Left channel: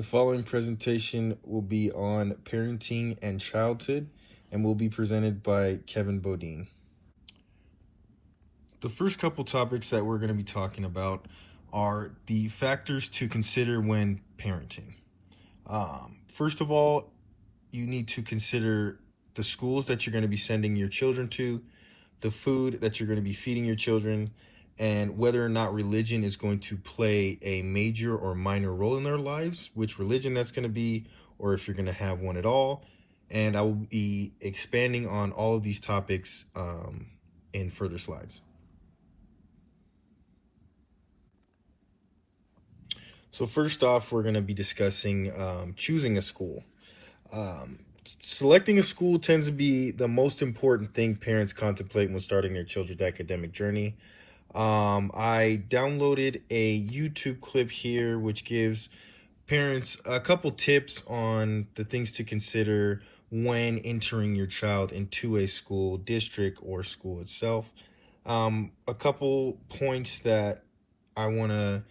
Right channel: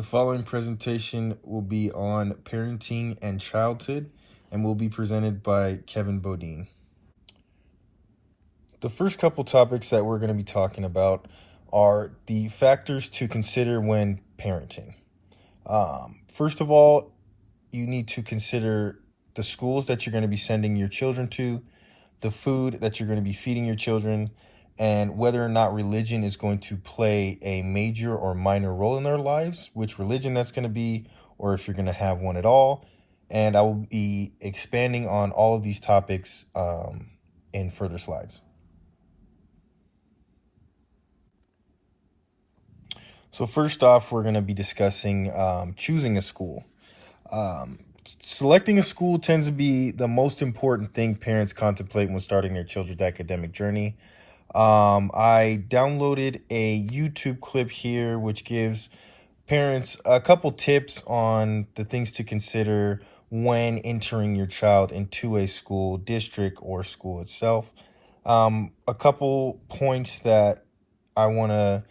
The following presentation will be on parenting and childhood and will be presented by Kevin Bodine. The first couple topics that we're going to be talking about are the factors to consider when parenting. First of all, you need to consider the schools that you're going to be sending your children to, the food that you're going to be feeding your children, and whether or not religion is going to play a major or minor role in their lives, which religion that's going to be, or if you're going to have one at all. And I will be expanding on all of these topics in further slides. So first off, we're going to be discussing choosing a school. Selecting a school tends to be the most important thing parents contemplate when starting their children's academic journey. I downloaded a YouTube clip here which gives parents a couple tips on the things to consider when entering your child into a school district or school itself. A couple points that I want to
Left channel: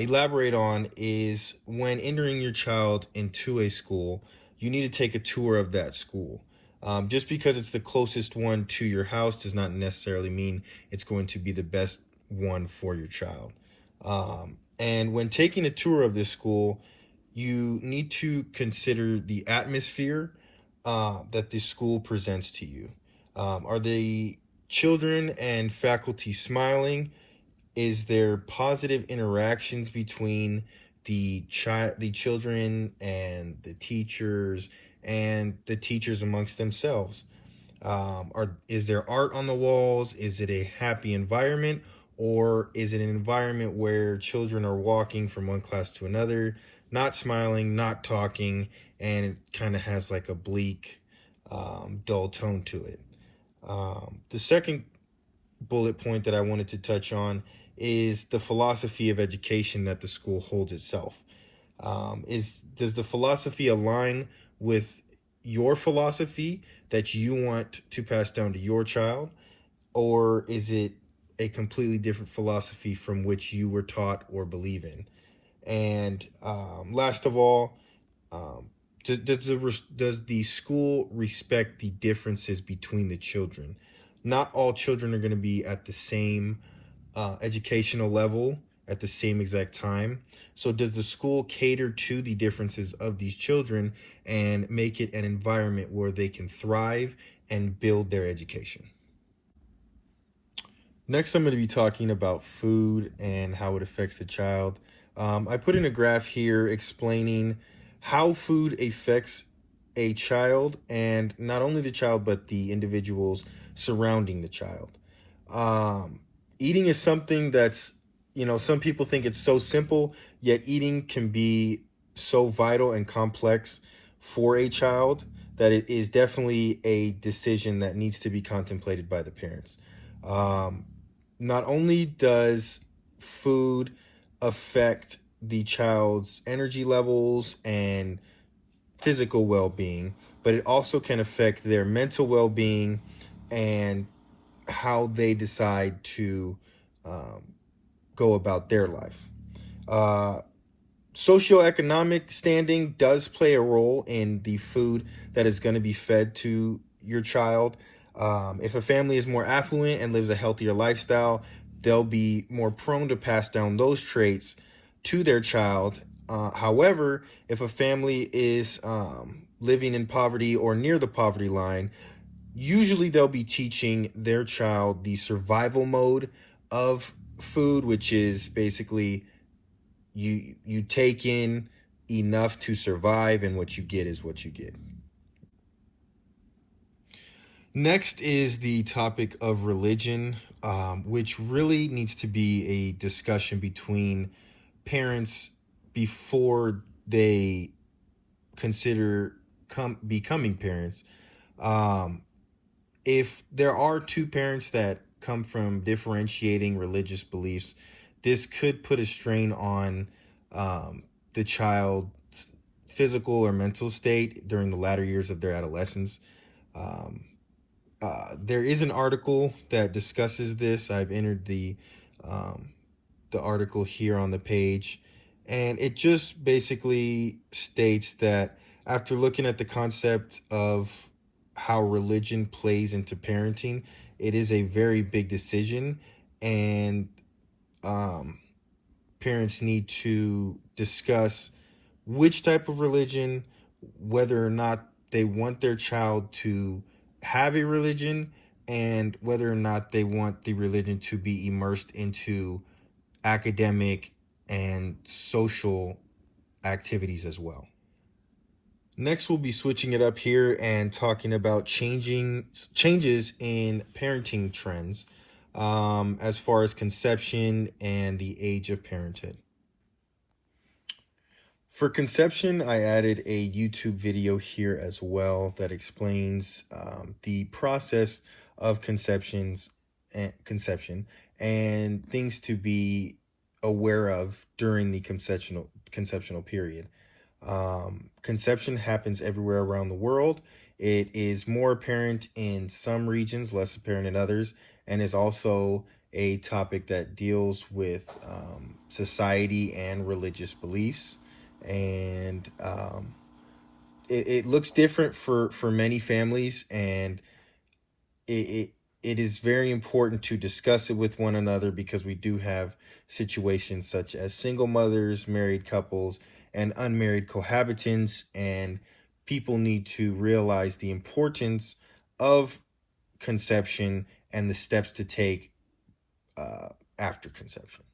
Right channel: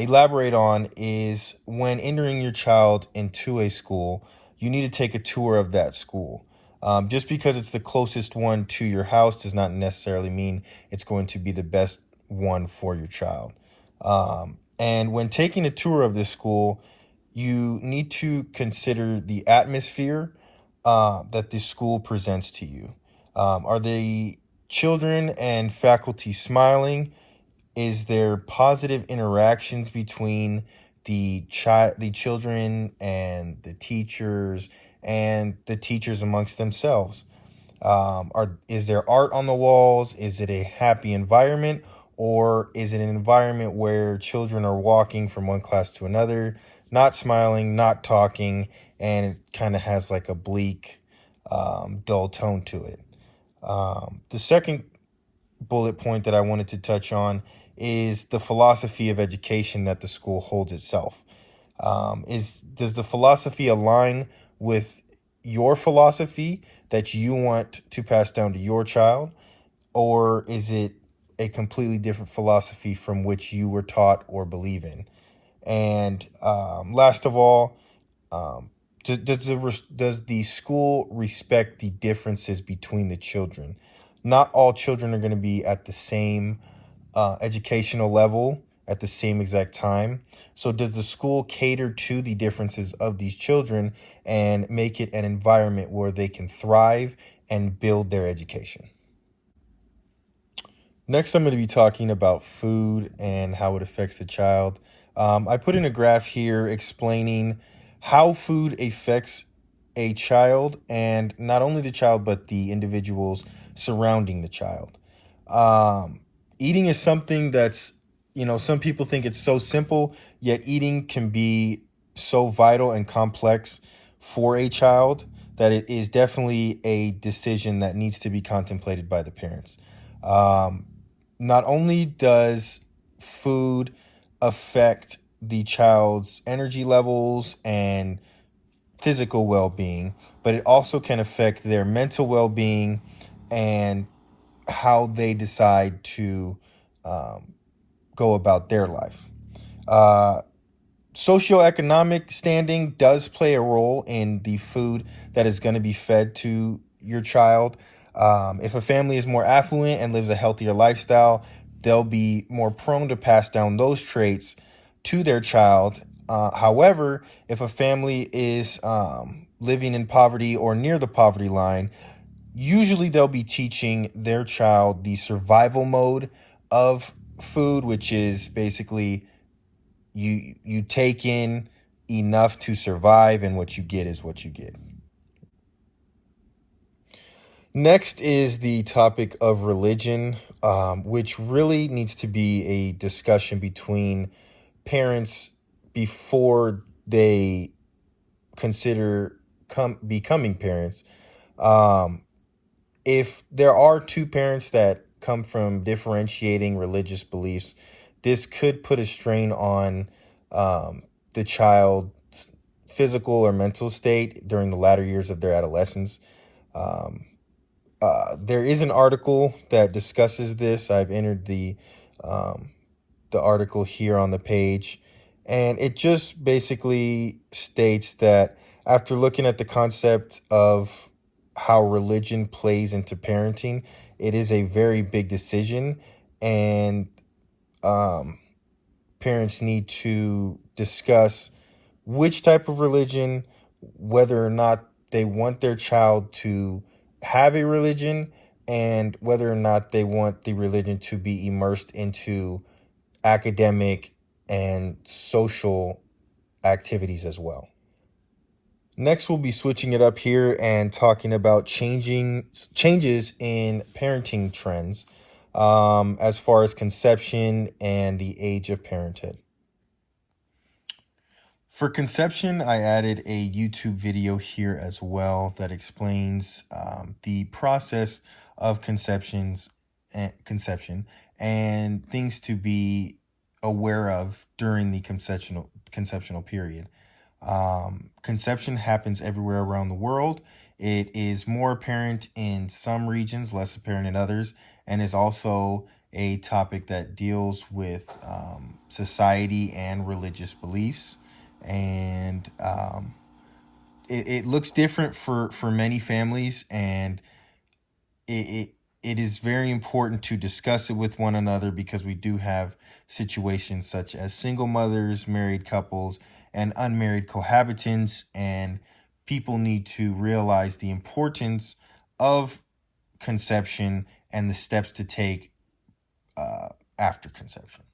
elaborate on is when entering your child into a school, you need to take a tour of that school. Just because it's the closest one to your house does not necessarily mean it's going to be the best one for your child. And when taking a tour of this school, you need to consider the atmosphere that the school presents to you. Are the children and faculty smiling? Is there positive interactions between the children and the teachers amongst themselves? Is there art on the walls? Is it a happy environment, or is it an environment where children are walking from one class to another, not smiling, not talking, and it kind of has like a bleak, dull tone to it? The second bullet point that I wanted to touch on is the philosophy of education that the school holds itself. Does the philosophy align with your philosophy that you want to pass down to your child, or is it a completely different philosophy from which you were taught or believe in? And last of all, does the school respect the differences between the children? Not all children are going to be at the same educational level at the same exact time. So does the school cater to the differences of these children and make it an environment where they can thrive and build their education? Next, I'm going to be talking about food and how it affects the child. I put in a graph here explaining how food affects a child, and not only the child, but the individuals surrounding the child. Eating is something that's, some people think it's so simple, yet eating can be so vital and complex for a child that it is definitely a decision that needs to be contemplated by the parents. Not only does food affect the child's energy levels and physical well-being, but it also can affect their mental well-being and how they decide to go about their life. Socioeconomic standing does play a role in the food that is going to be fed to your child. If a family is more affluent and lives a healthier lifestyle, they'll be more prone to pass down those traits to their child. However, if a family is living in poverty or near the poverty line, usually they'll be teaching their child the survival mode of food, which is basically you take in enough to survive, and what you get is what you get. Next is the topic of religion, which really needs to be a discussion between parents before they consider becoming parents. If there are two parents that come from differentiating religious beliefs, this could put a strain on the child's physical or mental state during the latter years of their adolescence. There is an article that discusses this. I've entered the article here on the page, And it just basically states that after looking at the concept of how religion plays into parenting, it is a very big decision, and um, parents need to discuss which type of religion, whether or not they want their child to have a religion, and whether or not they want the religion to be immersed into academic and social activities as well. Next, we'll be switching it up here and talking about changes in parenting trends as far as conception and the age of parenthood. For conception, I added a YouTube video here as well that explains the process of conception and things to be aware of during the conceptional period. Conception happens everywhere around the world. It is more apparent in some regions, less apparent in others, and is also a topic that deals with society and religious beliefs. And it looks different for many families, and it is very important to discuss it with one another, because we do have situations such as single mothers, married couples, and unmarried cohabitants, and people need to realize the importance of conception and the steps to take after conception.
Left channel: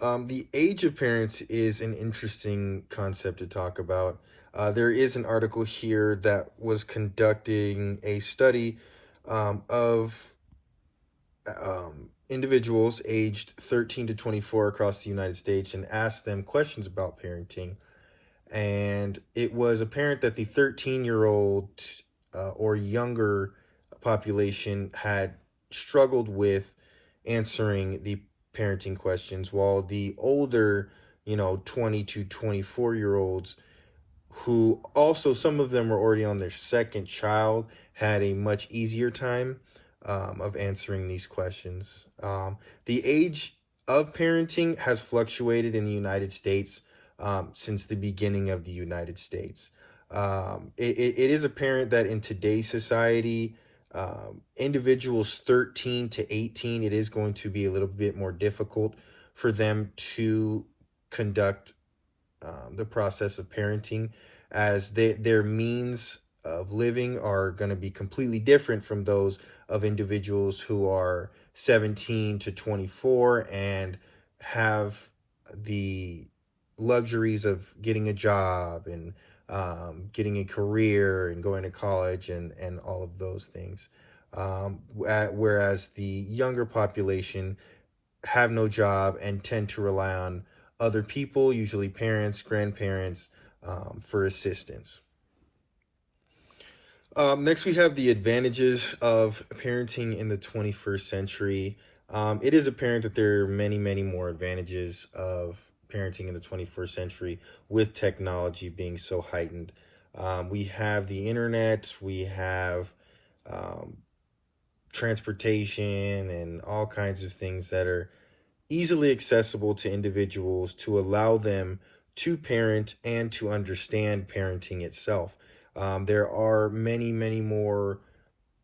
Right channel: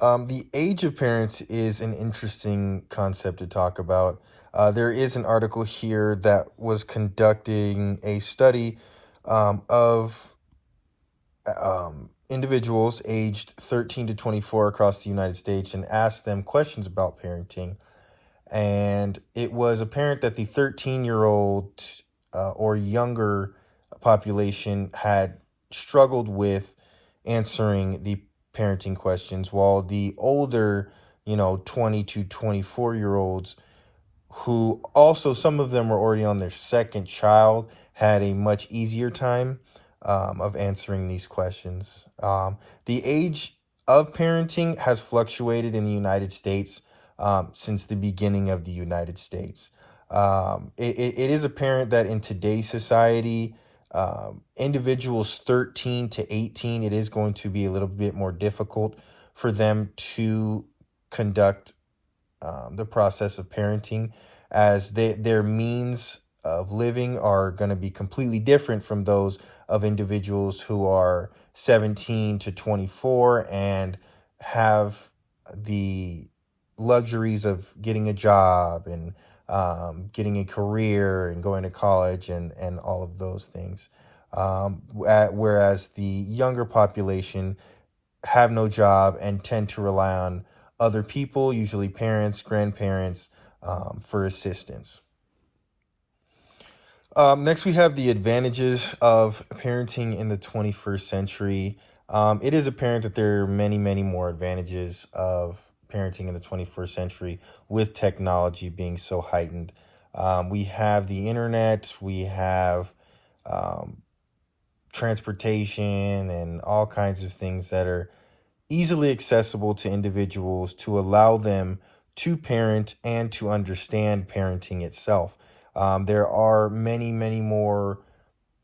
The age of parents is an interesting concept to talk about. There is an article here that was conducting a study of individuals aged 13 to 24 across the United States and asked them questions about parenting. And it was apparent that the 13-year-old or younger population had struggled with answering the parenting questions, while the older, 20 to 24-year-olds, who also some of them were already on their second child, had a much easier time of answering these questions. The age of parenting has fluctuated in the United States since the beginning of the United States. It is apparent that in today's society, individuals 13 to 18, it is going to be a little bit more difficult for them to conduct the process of parenting, as their means of living are going to be completely different from those of individuals who are 17 to 24 and have the luxuries of getting a job and getting a career and going to college and all of those things. Whereas the younger population have no job and tend to rely on other people, usually parents, grandparents, for assistance. Next, we have the advantages of parenting in the 21st century. It is apparent that there are many, many more advantages of parenting in the 21st century, with technology being so heightened. We have the internet, we have transportation, and all kinds of things that are easily accessible to individuals to allow them to parent and to understand parenting itself. There are many, many more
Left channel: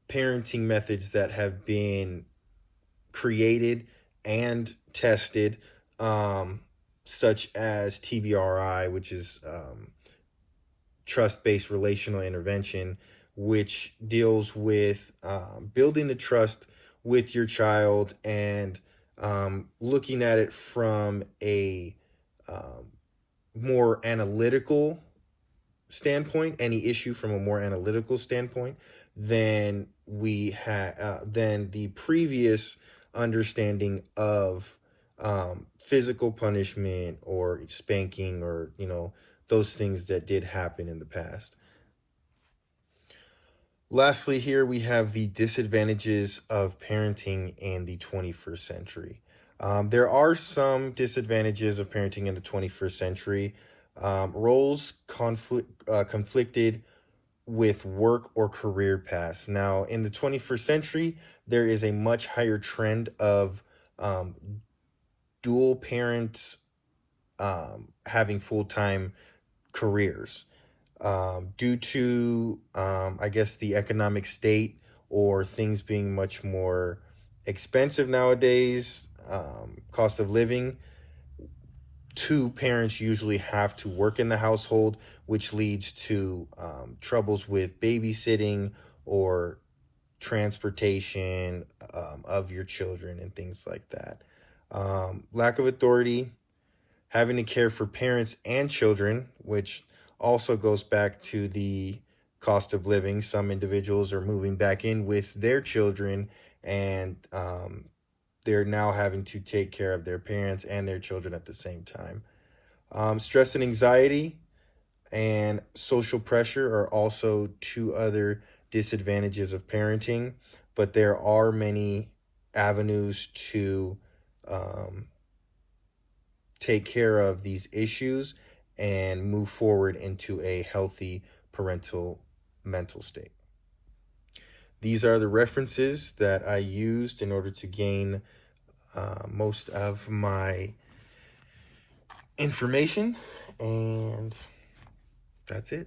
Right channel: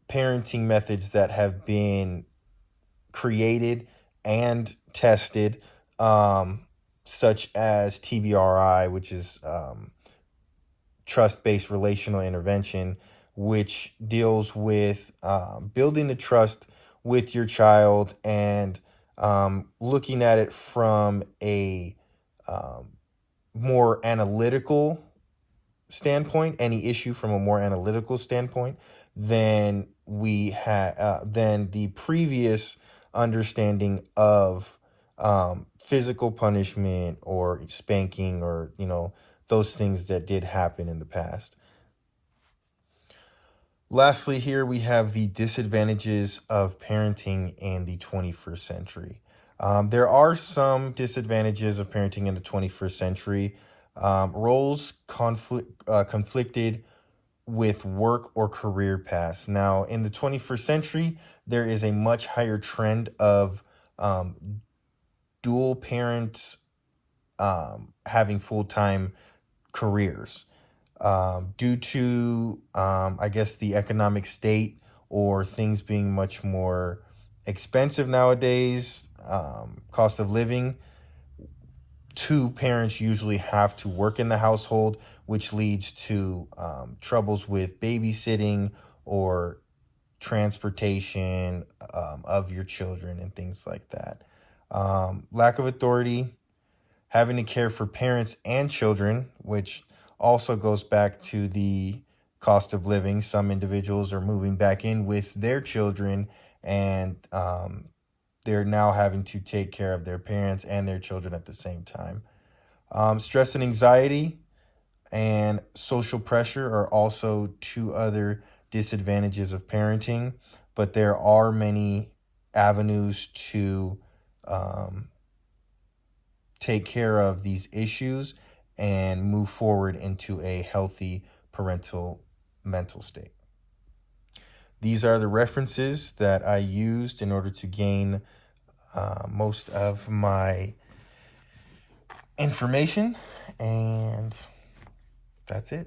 parenting methods that have been created and tested, such as TBRI, which is trust-based relational intervention, which deals with building the trust with your child and looking at it from a more analytical standpoint, any issue from a more analytical standpoint than than the previous understanding of physical punishment or spanking, or those things that did happen in the past. Lastly, here we have the disadvantages of parenting in the 21st century. There are some disadvantages of parenting in the 21st century. Roles conflicted with work or career paths. Now, in the 21st century, there is a much higher trend of dual parents having full-time careers due to, I guess, the economic state or things being much more expensive nowadays, cost of living. Two parents usually have to work in the household, which leads to troubles with babysitting or transportation of your children and things like that. Lack of authority, having to care for parents and children, which also goes back to the cost of living. Some individuals are moving back in with their children, and they're now having to take care of their parents and their children at the same time. Stress and anxiety and social pressure are also two other disadvantages of parenting, but there are many avenues to um, take care of these issues and move forward into a healthy parental mental state. These are the references that I used in order to gain most of my information, and that's it.